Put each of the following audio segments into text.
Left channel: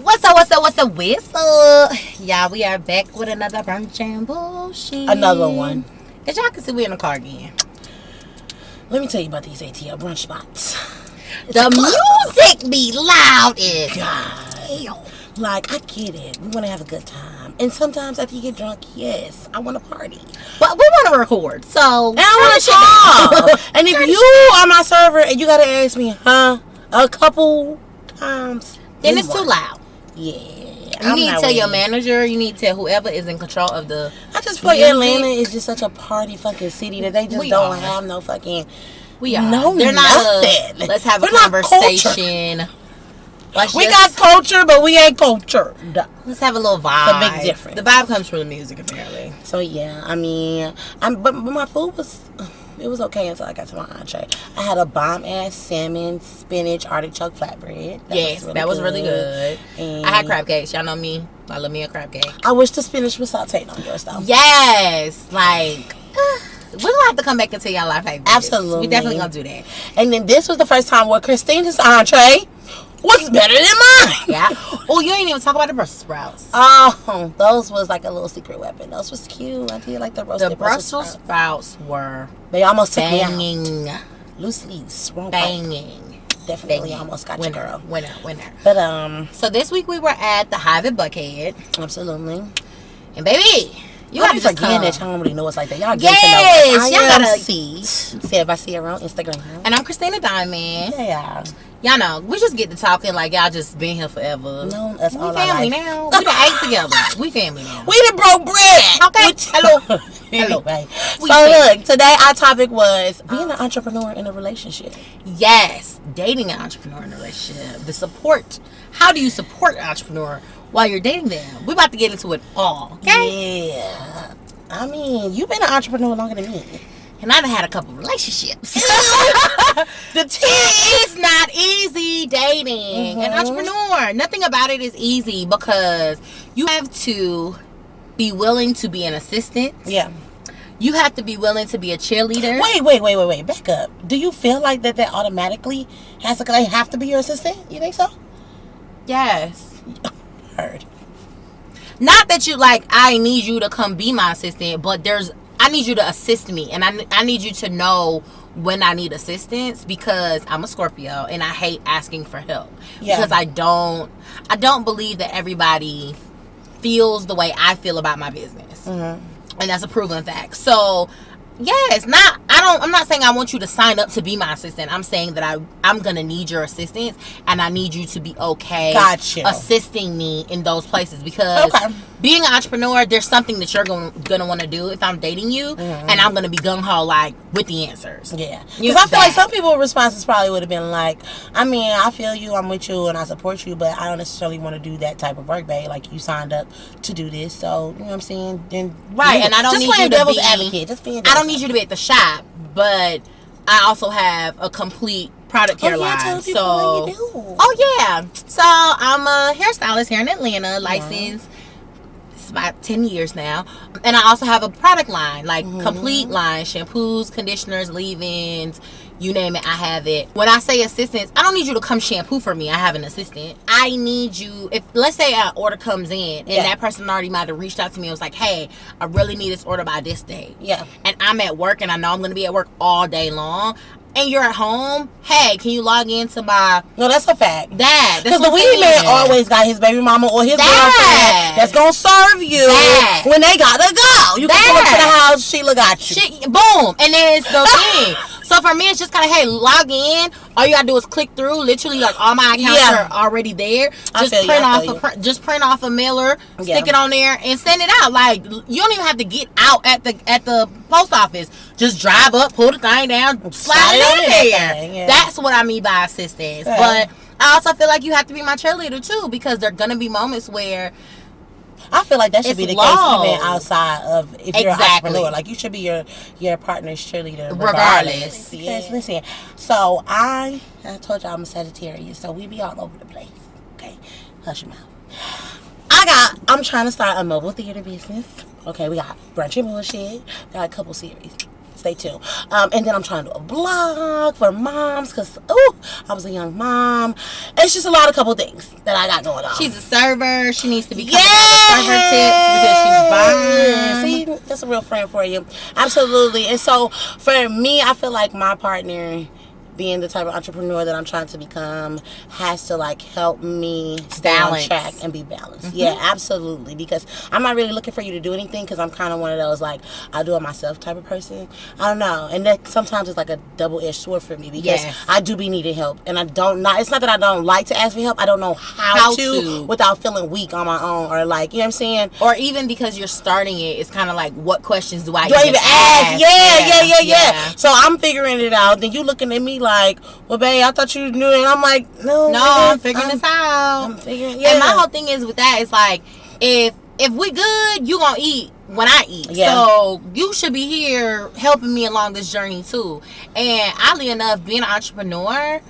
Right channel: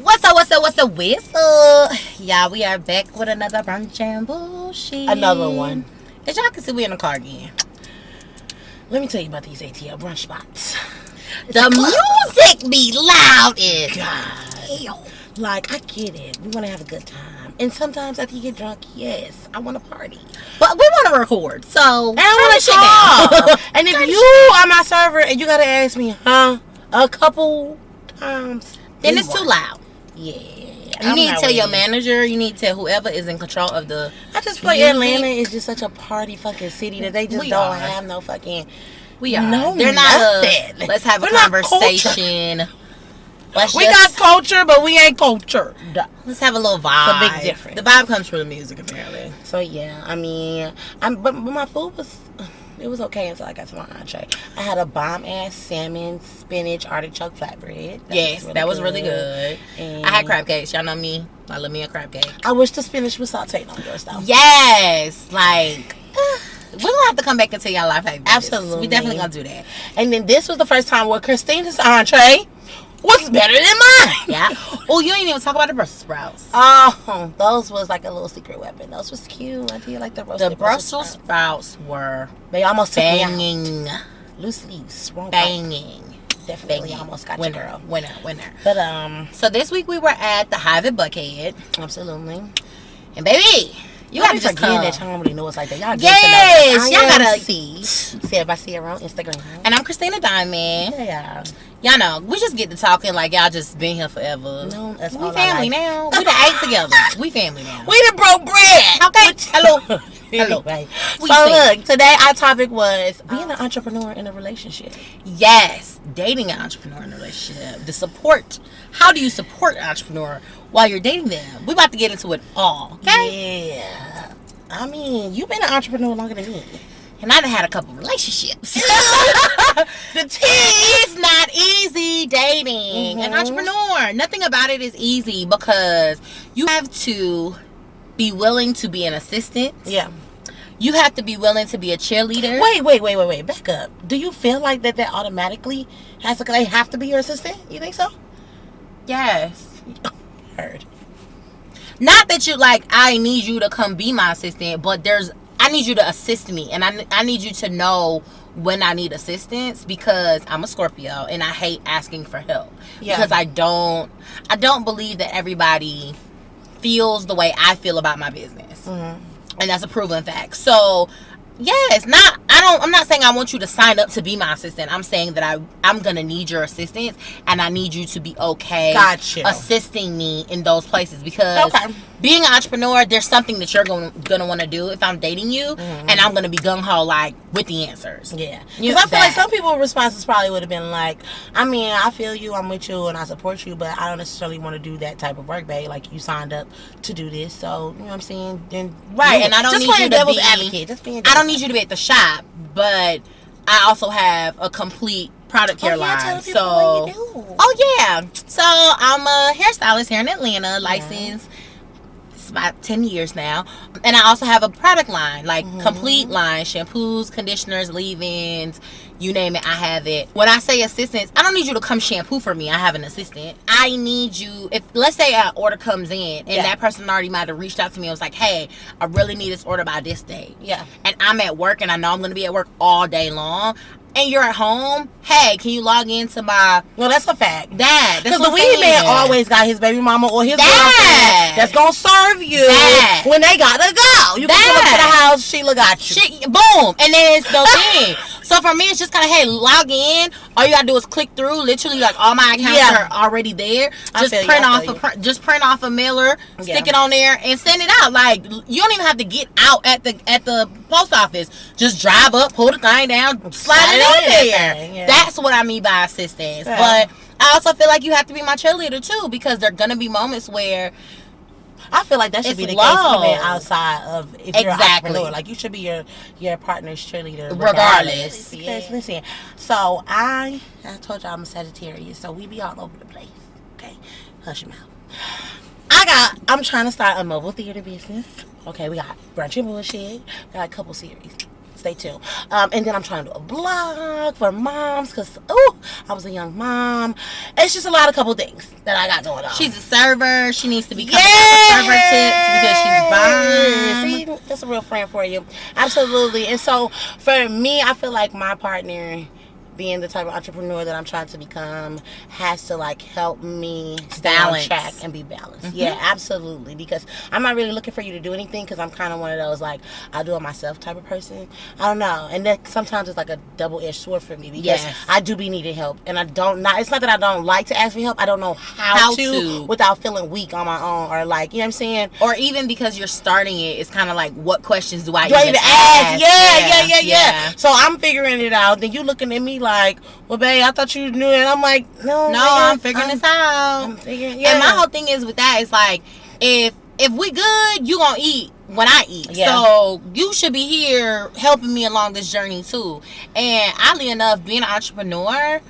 What's up? Yeah, we are back with another brunch and bullshit. Another one. As y'all can see, we in the car again. Let me tell you about these ATL brunch spots. The music be loud as hell. Like, I get it. We want to have a good time. And sometimes after you get drunk, yes, I want to party. But we want to record, so and I want to talk. And if you are my server and you got to ask me, a couple times, then it's too loud. Yeah. You need to tell your manager. You need to tell whoever is in control of the. I just feel like Atlanta is just such a party fucking city that they just don't have no fucking. We are. No, they're not. Let's have a conversation. We got culture, but we ain't cultured. Let's have a little vibe. It's a big difference. The vibe comes from the music, apparently. So yeah, I mean, but my food was. It was okay until I got to my entree. I had a bomb-ass salmon, spinach, artichoke flatbread. That was really good. And I had crab cakes. Y'all know me. I love me a crab cake. I wish the spinach was sauteed on yours, though. Yes. Like, we're going to have to come back and tell y'all life like this. Absolutely. We definitely going to do that. And then this was the first time where Christina's entree was better than mine. Yeah. Oh, you ain't even talk about the Brussels sprouts. Oh, those was like a little secret weapon. Those was cute. I did like the roasted Brussels sprouts were they almost banging. Loose leaves. Banging. Definitely almost got you, girl. Winner. But so this week we were at the Hive at Buckhead. Absolutely. And baby, you gotta just come. That y'all don't really know us like that. Y'all yes, y'all gotta see. Say if I see her on Instagram. And I'm Christina Diamond. Yeah. Y'all know, we just get to talking like y'all just been here forever. No, that's we all family now. We done ate together. We family now. We done broke bread. Okay. Hello. Anyway. So look, today our topic was being an entrepreneur in a relationship. Yes. Dating an entrepreneur in a relationship. The support. How do you support an entrepreneur while you're dating them? We're about to get into it all. Okay? Yeah. I mean, you've been an entrepreneur longer than me. And I've had a couple relationships. It is not easy dating an entrepreneur. Nothing about it is easy because you have to be willing to be an assistant. Yeah. You have to be willing to be a cheerleader. Wait. Back up. Do you feel like that automatically they have to be your assistant? You think so? Yes. Heard. Not that you like, I need you to come be my assistant, but I need you to assist me, and I need you to know when I need assistance because I'm a Scorpio and I hate asking for help. Yeah. Because I don't believe that everybody feels the way I feel about my business. And that's a proven fact. So yes, I'm not saying I want you to sign up to be my assistant. I'm saying that I'm gonna need your assistance, and I need you to be okay assisting me in those places because being an entrepreneur, there's something that you're gonna want to do if I'm dating you, and I'm gonna be gung ho like with the answers. Yeah, because I feel like some people's responses probably would have been like, I mean, I feel you, I'm with you, and I support you, but I don't necessarily want to do that type of work, babe. Like you signed up to do this, so you know what I'm saying. Then and I don't need you to be advocate. Just being. I don't need you to be at the shop, but I also have a complete product care line. So, so I'm a hairstylist here in Atlanta, licensed. It's about 10 years now, and I also have a product line, like complete line, shampoos, conditioners, leave-ins, you name it, I have it. When I say assistance, I don't need you to come shampoo for me. I have an assistant. I need you, if let's say an order comes in and that person already might have reached out to me and was like, hey, I really need this order by this day. Yeah. And I'm at work and I know I'm going to be at work all day long. And you're at home, hey, can you log into my... No, that's a fact. Because the weed man always got his baby mama or his girlfriend that's going to serve you when they got to go. You can come up to the house, Sheila got you. Boom. And then it's the thing. So for me, it's just kind of, hey, log in. All you got to do is click through. Literally, like, all my accounts are already there. Just print off a mailer, stick it on there, and send it out. Like, you don't even have to get out at the post office. Just drive up, pull the thing down, slide it on there. Yeah. That's what I mean by assistance. Yeah. But I also feel like you have to be my cheerleader, too, because there are going to be moments where... I feel like that should be the case even outside of if you're an entrepreneur. Like you should be your partner's cheerleader regardless. Because listen, so I told y'all I'm a Sagittarius, so we be all over the place. Okay, hush your mouth. I'm trying to start a mobile theater business. Okay, we got Brunch and Bullshhh. We got a couple series. stay tuned. And then I'm trying to do a blog for moms because, I was a young mom. It's just a couple things that I got going on. She's a server. She needs to be coming out with server tips because she's bomb. See, that's a real friend for you. Absolutely. And so for me, I feel like my partner, being the type of entrepreneur that I'm trying to become, has to help me stay on track and be balanced. Yeah, absolutely. Because I'm not really looking for you to do anything, because I'm kind of one of those I'll do it myself type of person. I don't know, and that sometimes it's a double-edged sword for me, because I do be needing help, and it's not that I don't like to ask for help. I don't know how to without feeling weak on my own, or you know what I'm saying, or even because you're starting it, it's kind of what questions do I even ask? Yeah. So I'm figuring it out. Then you looking at me well, babe, I thought you knew it. And I'm no, I'm figuring this out. I'm figuring, And my whole thing is with that, it's if we good, you gonna eat when I eat. Yeah. So you should be here helping me along this journey too. And oddly enough, being an entrepreneur,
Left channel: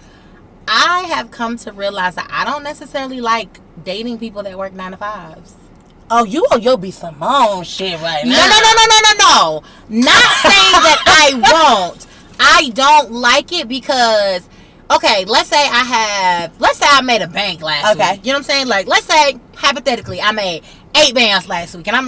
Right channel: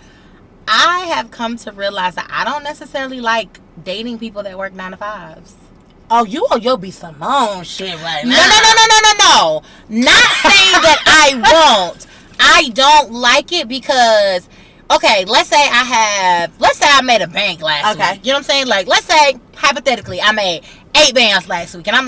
I have come to realize that I don't necessarily like dating people that work 9 to 5s. Oh, you'll be Simone shit right now. No. Not saying that I won't. I don't like it because, okay, let's say I made a bank last week. You know what I'm saying? Let's say, hypothetically, I made 8 bands last week. And I'm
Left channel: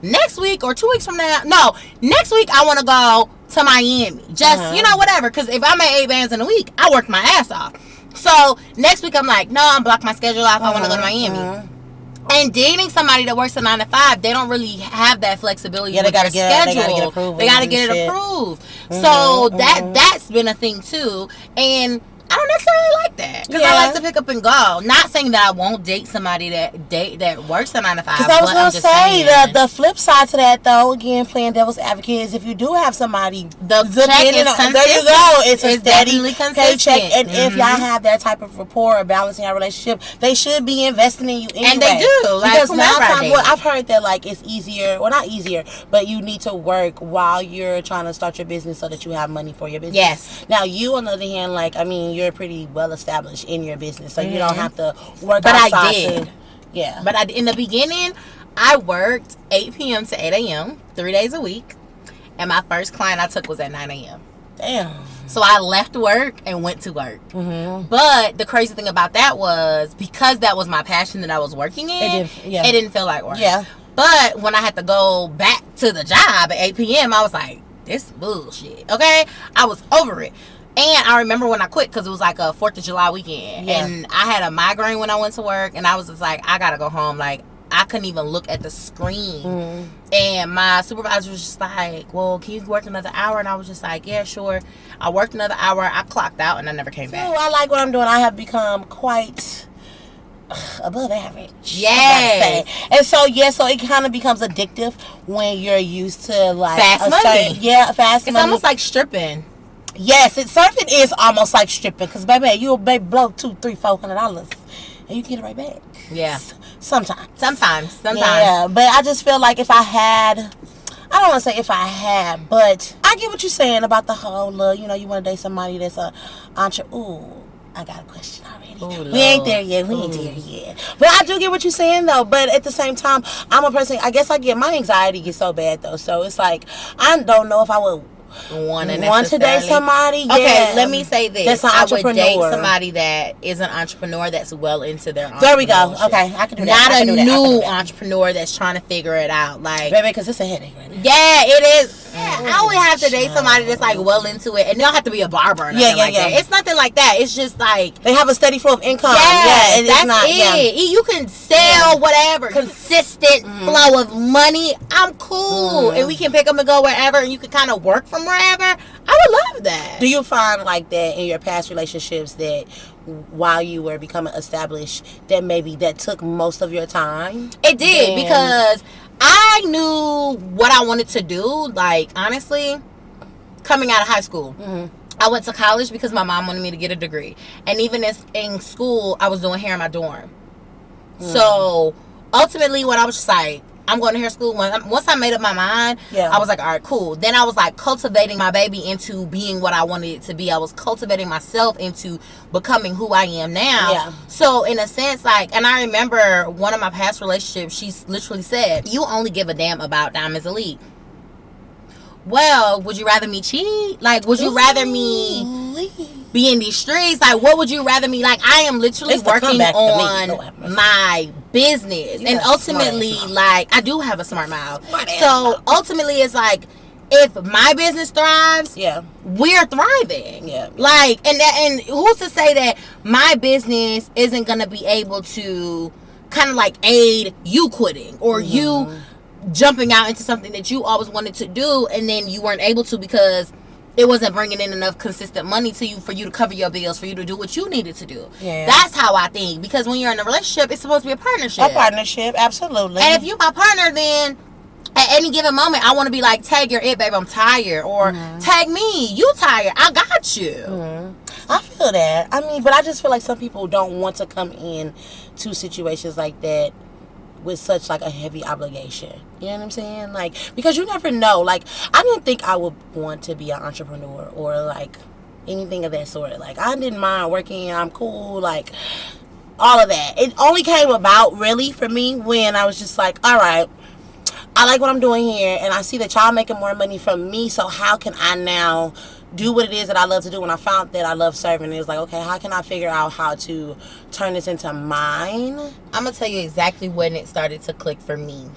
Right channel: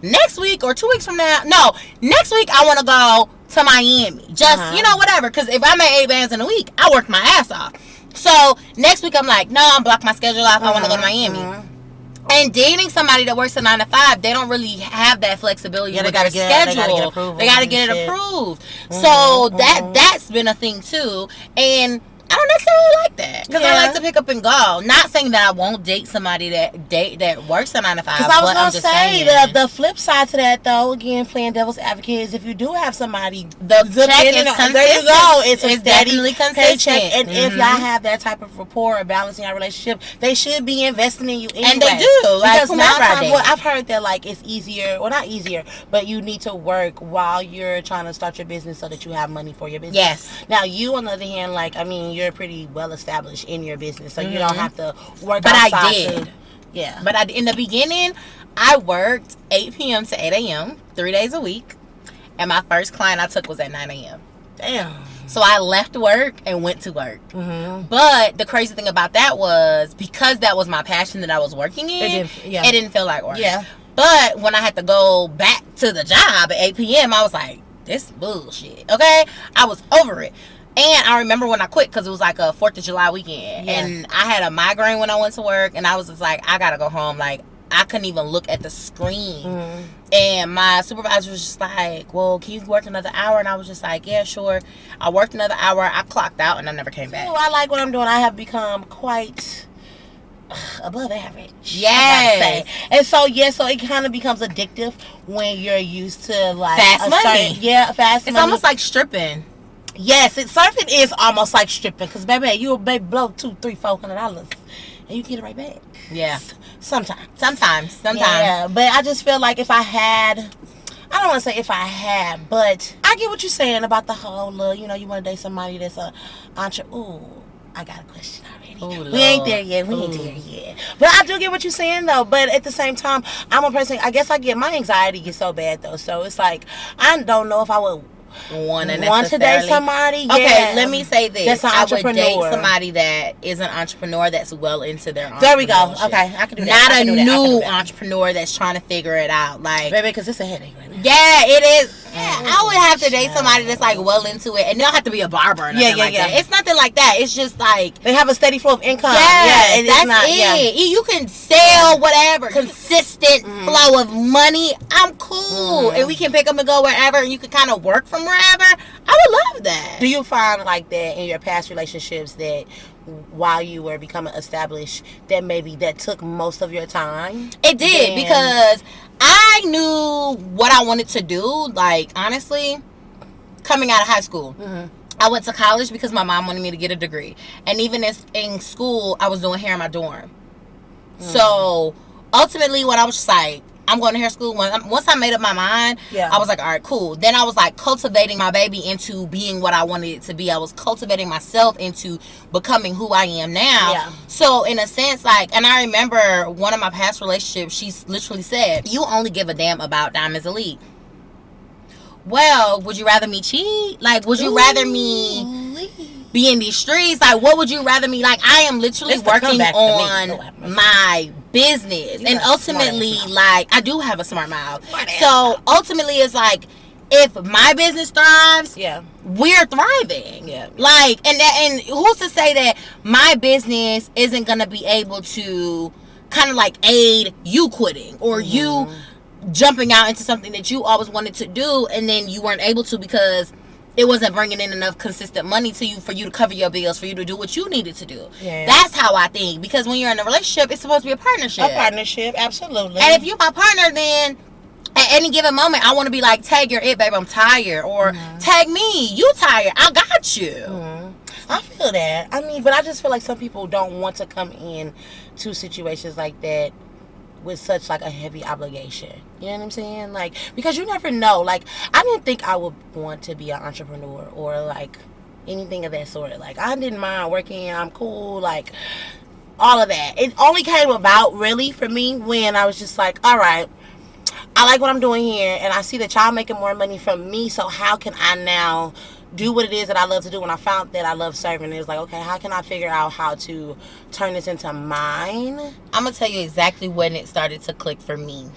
next week or 2 weeks from now, no, next week I want to go to Miami. Just, whatever. Because if I made 8 bands in a week, I worked my ass off. So, next week I'm no, I'm block my schedule off. I want to go to Miami. And dating somebody that works a 9 to 5, they don't really have that flexibility with their schedule. They gotta get it approved. So that's been a thing too. And I don't necessarily like that, because I like to pick up and go. Not saying that I won't date somebody that works a 9 to 5. Because I was gonna say the flip side to that, though, again, playing devil's advocate, is if you do have somebody, the check is consistent. There you go. It's a steady paycheck, and if y'all have that type of rapport or balancing your relationship, they should be investing in you anyway. And they do. Because I've heard that it's easier, well, not easier, but you need to work while you're trying to start your business so that you have money for your business. Yes. Now you, on the other hand, you're pretty well established in your business, so you don't have to work. But outside I did. But in the beginning, I worked 8 p.m. to 8 a.m. 3 days a week, and my first client I took was at 9 a.m. Damn. So I left work and went to work. But the crazy thing about that was, because that was my passion that I was working in, it didn't feel like work. Yeah. But when I had to go back to the job at 8 p.m., I was this bullshit. Okay? I was over it. And I remember when I quit, because it was a 4th of July weekend. Yeah. And I had a migraine when I went to work. And I was just I got to go home. I couldn't even look at the screen. And my supervisor was just well, can you work another hour? And I was just yeah, sure. I worked another hour. I clocked out and I never came back. I like what I'm doing. I have become quite above average. Yes. And so it kind of becomes addictive when you're used to fast money. Fast money. It's almost like stripping. Yes, surfing is almost like stripping, because baby, you'll blow $200-$400 and you get it right back. Yeah. Sometimes. Yeah, but I just feel if I had, I don't want to say if I had, but I get what you're saying about the whole you want to date somebody that's Ooh, I got a question already. Ooh, we ain't there yet. But I do get what you're saying, though. But at the same time, I'm a person, I guess my anxiety gets so bad, though. So it's I don't know if I would want to date somebody. Okay, let me say this. That's an entrepreneur. I would date somebody that is an entrepreneur that's well into their entrepreneurship. There we go. Okay, I can do that. Not a new entrepreneur that's trying to figure it out. Baby, because it's a headache right now. Yeah, it is. I would have to date somebody that's well into it, and they don't have to be a barber or nothing like that. It's nothing like that. It's just they have a steady flow of income. Yeah, that's it. Yeah. You can sell whatever, consistent flow of money. I'm cool, and we can pick up and go wherever, and you can kind of work from wherever. I would love that. Do you find that in your past relationships, that while you were becoming established, that maybe that took most of your time? It did, because I knew what I wanted to do. Honestly, coming out of high school, I went to college because my mom wanted me to get a degree, and even in school, I was doing hair in my dorm. So ultimately, when I was just I'm going to hair school. Once I made up my mind, I was all right, cool. Then I was cultivating my baby into being what I wanted it to be. I was cultivating myself into becoming who I am now. Yeah. So in a sense, and I remember one of my past relationships, she literally said, "You only give a damn about Diamonds Elite." well, would you rather me cheat? Like, would you rather me be in these streets? Like, what would you rather me? Like, I am literally working on my business. And ultimately, like, I do have a smart mouth. So, ultimately, it's like, if my business thrives, we're thriving. Like, and who's to say that my business isn't going to be able to kind of like aid you quitting or you jumping out into something that you always wanted to do and then you weren't able to because it wasn't bringing in enough consistent money to you for you to cover your bills, for you to do what you needed to do. That's how I think. Because when you're in a relationship, it's supposed to be a partnership. A partnership, absolutely. And if you're my partner, then at any given moment, I want to be like, tag your it, babe, I'm tired. Or tag me, you tired, I got you. I feel that. I mean, but I just feel like some people don't want to come in to situations like that with such like a heavy obligation. You know what I'm saying? Like, because you never know. Like, I didn't think I would want to be an entrepreneur or like anything of that sort. Like, I didn't mind working. I'm cool. Like, all of that. It only came about really for me when I was just like, all right, I like what I'm doing here, and I see that y'all making more money from me, so how can I now do what it is that I love to do? When I found that I love serving, it's like, okay, how can I figure out how to turn this into mine? I'm going to tell you exactly when it started to click for me.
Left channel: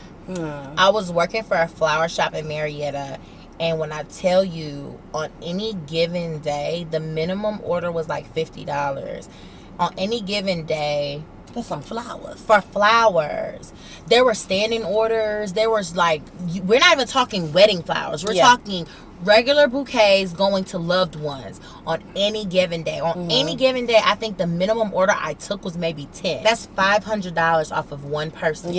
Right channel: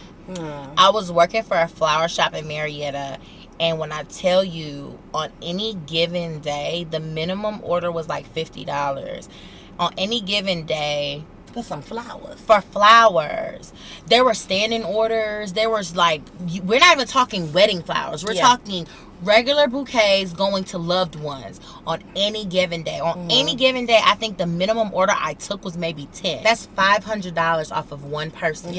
I was working for a flower shop in Marietta, and when I tell you, on any given day, the minimum order was like $50. On any given day, some flowers. For flowers. There were standing orders. There was like, we're not even talking wedding flowers. We're talking regular bouquets going to loved ones on any given day. On any given day, I think the minimum order I took was maybe 10. That's $500 off of one person.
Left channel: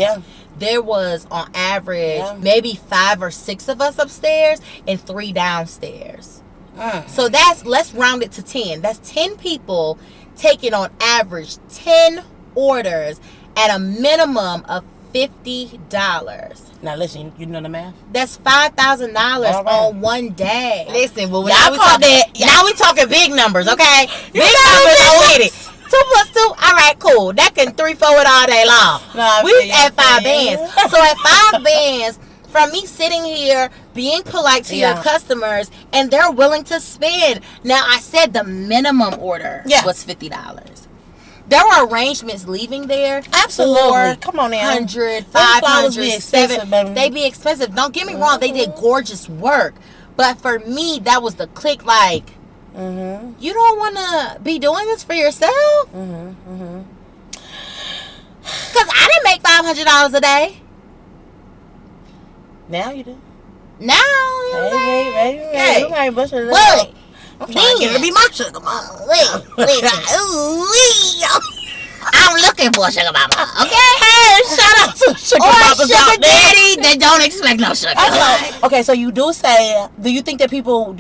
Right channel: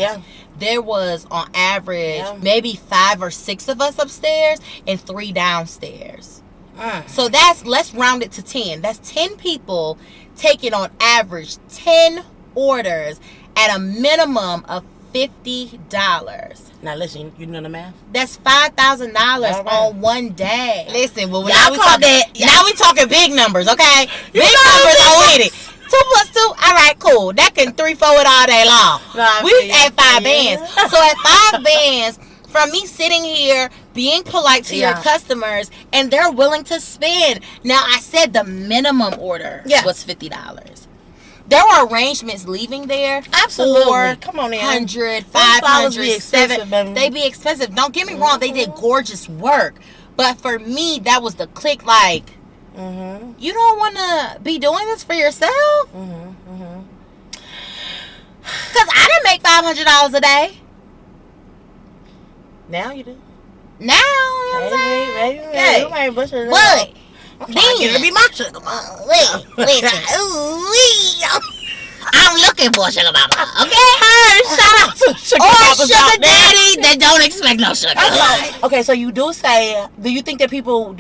There was on average maybe 5 or 6 of us upstairs and 3 downstairs. So that's, let's round it to 10. That's 10 people taking on average 10 orders at a minimum of $50. Now listen, you know the math? That's $5,000 on one day. Listen, well, now we talking big numbers, okay? Big numbers are with it. 2 plus 2, all right, cool. That can 3-4 it all day long. We at 5 bands. So at 5 bands, from me sitting here being polite to your customers, and they're willing to spend. Now, I said the minimum order was $50. There were arrangements leaving there. Absolutely. Come on now. 100, 500, 700. They be expensive. Don't get me wrong. They did gorgeous work. But for me, that was the click. Like, you don't want to be doing this for yourself? Because I didn't make $500 a day. Now you do. Now, you know what I'm saying? You might bust it But I'm trying to get her to be my sugar mama. I'm looking for a sugar mama. Okay? Hey, shout out to sugar mamas sugar out there. daddy that don't expect no sugar. Okay, so you do say, do you think that people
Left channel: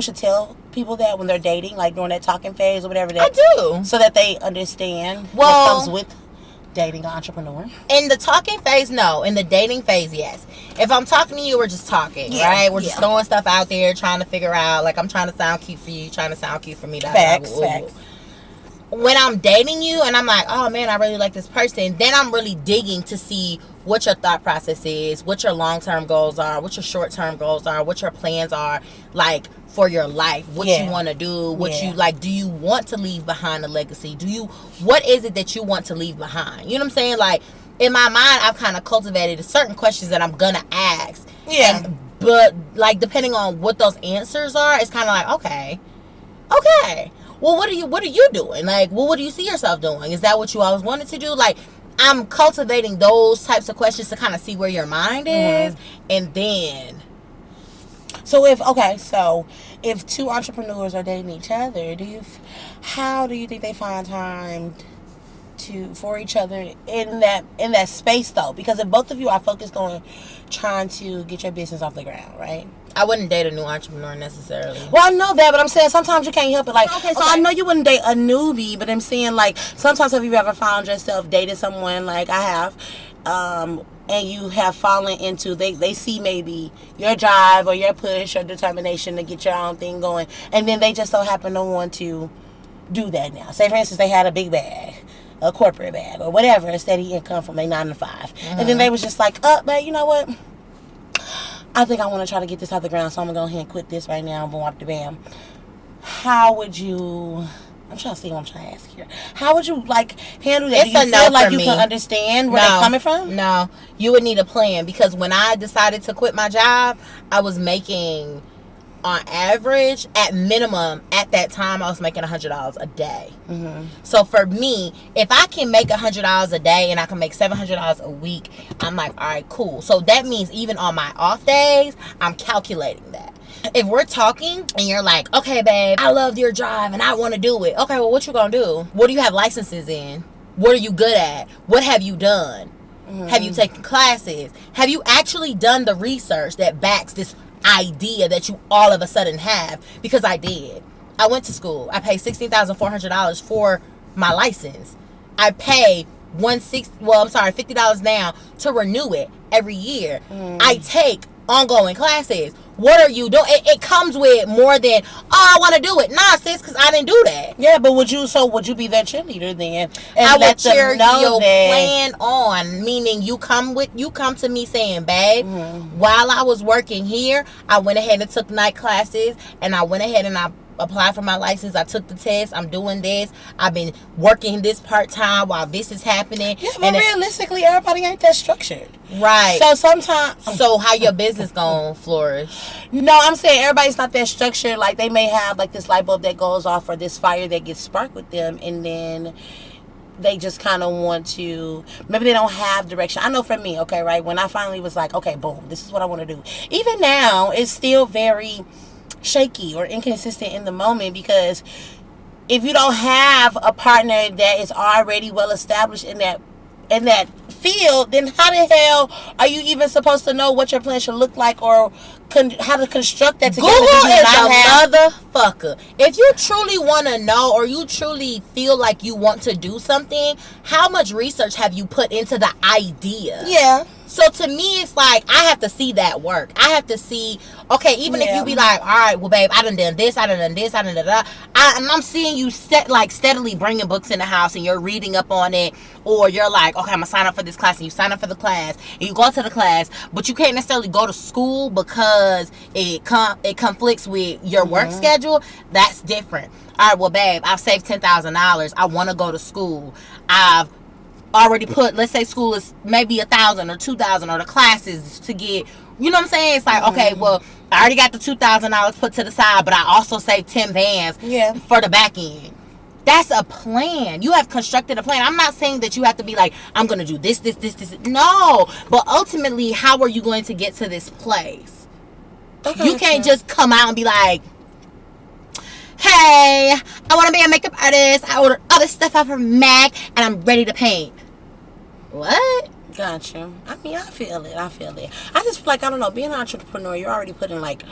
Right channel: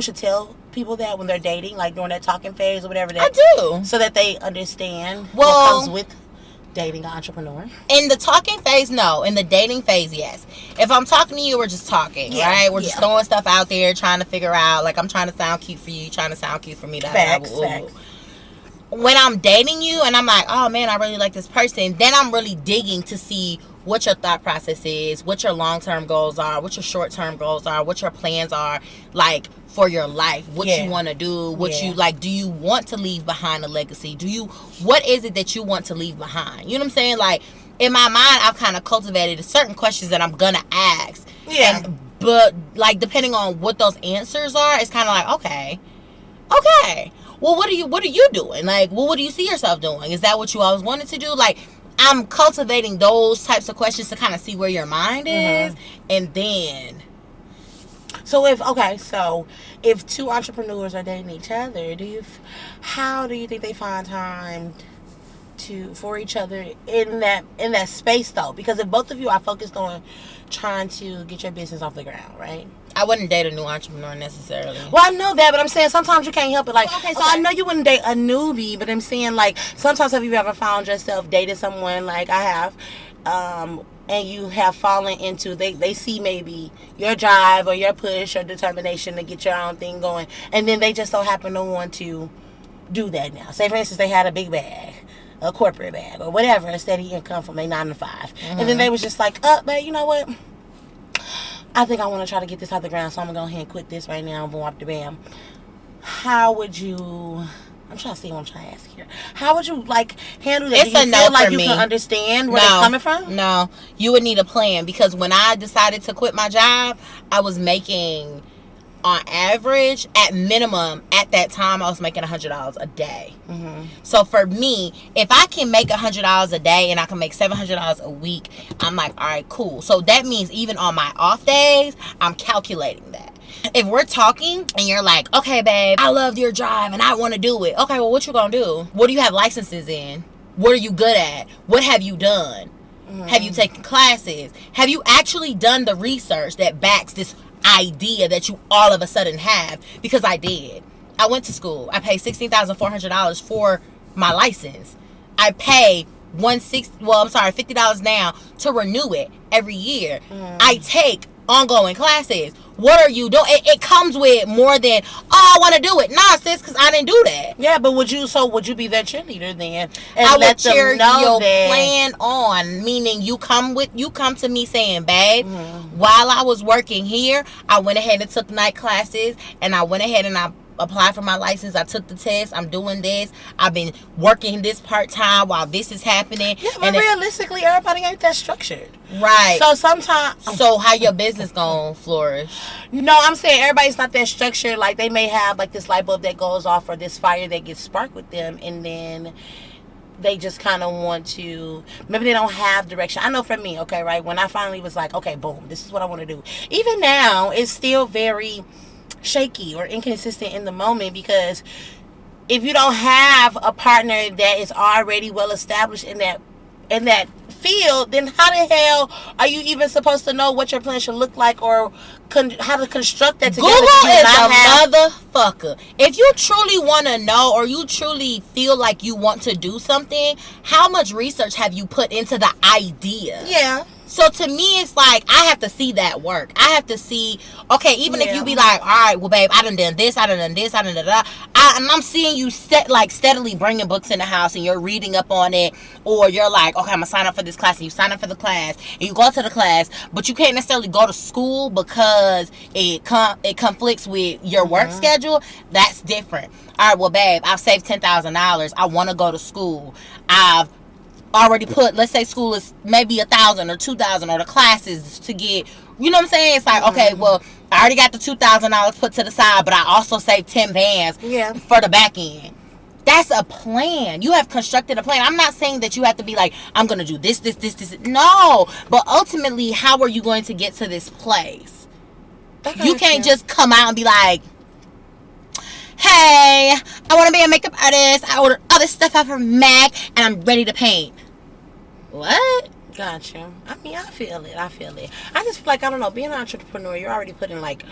should tell people that when they're dating, like during that talking phase or whatever? That, I do. So that they understand what comes with dating an entrepreneur? In the talking phase, no. In the dating phase, yes. If I'm talking to you, we're just talking, right? We're just throwing stuff out there, trying to figure out, like, I'm trying to sound cute for you, you trying to sound cute for me. Facts. When I'm dating you and I'm like, oh man, I really like this person, then I'm really digging to see what your thought process is, what your long-term goals are, what your short-term goals are, what your plans are, like, for your life, what you want to do, what you like. Do you want to leave behind a legacy? What is it that you want to leave behind? You know what I'm saying? Like, in my mind, I've kind of cultivated certain questions that I'm gonna ask. But like, depending on what those answers are, it's kind of like, okay, well, what are you doing? Like, well, what do you see yourself doing? Is that what you always wanted to do? Like, I'm cultivating those types of questions to kind of see where your mind is, and then. So if 2 entrepreneurs are dating each other, how do you think they find time for each other in that space though? Because if both of you are focused on trying to get your business off the ground, right? I wouldn't date a new entrepreneur necessarily. Well, I know that, but I'm saying sometimes you can't help it. Like, okay, so I know you wouldn't date a newbie, but I'm saying, like, sometimes have you ever found yourself dating someone, like I have, and you have fallen into, they see maybe your drive or your push or determination to get your own thing going, and then they just so happen to want to do that now. Say, for instance, they had a big bag, a corporate bag, or whatever, a steady income from their 9 to 5. And then they was just like, but you know what? I think I want to try to get this off the ground, so I'm going to go ahead and quit this right now. Boom, up the bam. How would you... I'm trying to see what I'm trying to ask here. How would you, like, handle that? It's Do you a no feel like for you me. can understand where they're coming from? No. You would need a plan, because when I decided to quit my job, I was making, on average, at minimum, at that time, I was making $100 a day. Mm-hmm. So for me, if I can make $100 a day and I can make $700 a week, I'm like, all right, cool. So that means even on my off days, I'm calculating that. If we're talking and you're like, okay, babe, I love your drive and I want to do it. Okay, well, what you gonna do? What do you have licenses in? What are you good at? What have you done? Mm-hmm. Have you taken classes? Have you actually done the research that backs this idea that you all of a sudden have? Because I did. I went to school. I paid $16,400 for my license. I pay $50 now to renew it every year. I take ongoing classes. What are you doing? It comes with more than, oh, I want to do it. Nah, sis, because I didn't do that. Yeah, but would you be that cheerleader then? And I let would cheer them know your that plan on, meaning you come to me saying, babe, while I was working here, I went ahead and took night classes, and I went ahead and I applied for my license. I took the test. I'm doing this. I've been working this part-time while this is happening. Yeah, but realistically, everybody ain't that structured. Right. So sometimes... So how your business gonna flourish? No, I'm saying everybody's not that structured. Like, they may have, like, this light bulb that goes off or this fire that gets sparked with them, and then they just kind of want to... Maybe they don't have direction. I know for me, okay, right? When I finally was like, okay, boom, this is what I want to do. Even now, it's still very shaky or inconsistent in the moment, because if you don't have a partner that is already well established in that field, then how the hell are you even supposed to know what your plan should look like or how to construct that together? Google is a motherfucker. If you truly want to know, or you truly feel like you want to do something, how much research have you put into the idea? Yeah. So to me, it's like, I have to see that work. I have to see, okay, even if you be like, all right, well, babe, I done this, I done this, I done that. I'm seeing you steadily bringing books in the house, and you're reading up on it. Or you're like, okay, I'm going to sign up for this class, and you sign up for the class, and you go to the class, but you can't necessarily go to school because it conflicts with your work schedule. That's different. All right, well, babe, I've saved $10,000. I want to go to school. I've already put, let's say school is maybe $1,000 or $2,000, or the classes to get, you know what I'm saying? It's like, okay, well, I already got the $2,000 put to the side, but I also saved 10 bands for the back end. That's a plan. You have constructed a plan. I'm not saying that you have to be like, I'm going to do this. No. But ultimately, how are you going to get to this place? You can't just come out and be like, hey, I want to be a makeup artist. I ordered all this stuff out from MAC, and I'm ready to paint. What? Gotcha. I mean, I feel it. I just feel like, I don't know, being an entrepreneur, you're already putting, like,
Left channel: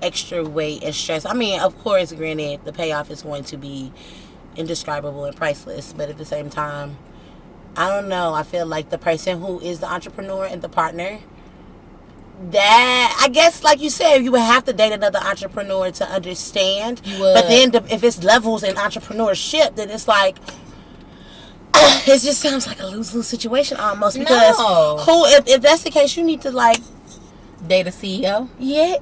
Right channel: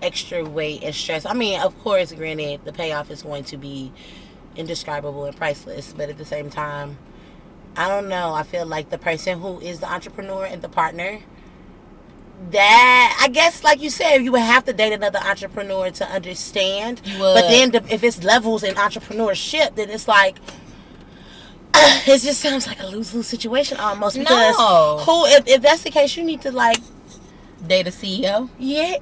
extra weight and stress. I mean, of course, granted, the payoff is going to be indescribable and priceless, but at the same time, I don't know. I feel like the person who is the entrepreneur and the partner, that, I guess, like you said, you would have to date another entrepreneur to understand. But then if it's levels in entrepreneurship, then it's like, it just sounds like a lose-lose situation almost. Because if that's the case, you need to, like, date a CEO. Yeah.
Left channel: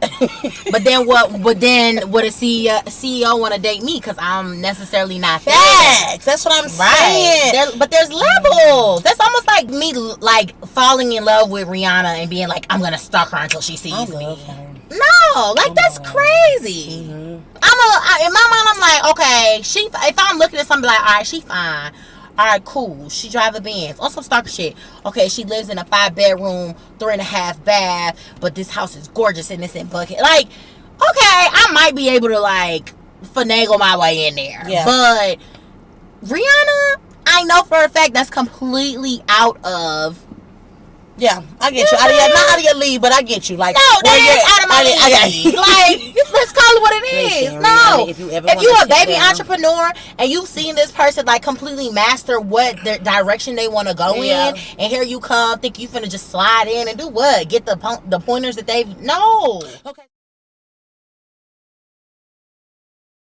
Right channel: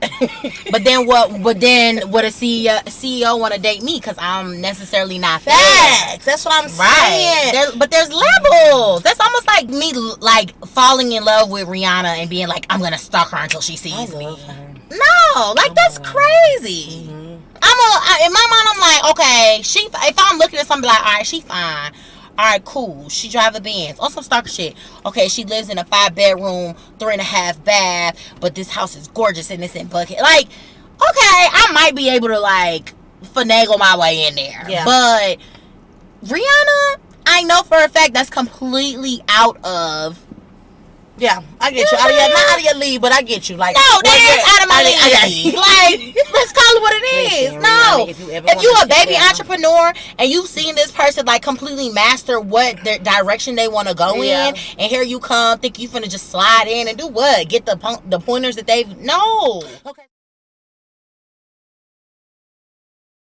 But then would a CEO want to date me? Because I'm necessarily not facts. That's what I'm saying. But there's levels. That's almost like me, like, falling in love with Rihanna and being like, I'm gonna stalk her until she sees me. Her. No, like, that's crazy. In my mind, I'm like, okay, if I'm looking at somebody, like, all right, she fine. All right, cool. She drive a Benz. On some stalker shit. Okay, she lives in a 5-bedroom, 3.5 bath, but this house is gorgeous and it's in Bucket. Like, okay, I might be able to, like, finagle my way in there. Yeah. But Rihanna, I know for a fact that's completely out of... Yeah, I get you. Not out of your league, but I get you. Like, no, that is out of my league. Like, let's call it what it is. Listen, no, Rihanna, if you a baby entrepreneur and you've seen this person, like, completely master what their direction they want to go in, and here you come, think you finna just slide in and do what? Get the pointers that they've... No. Okay.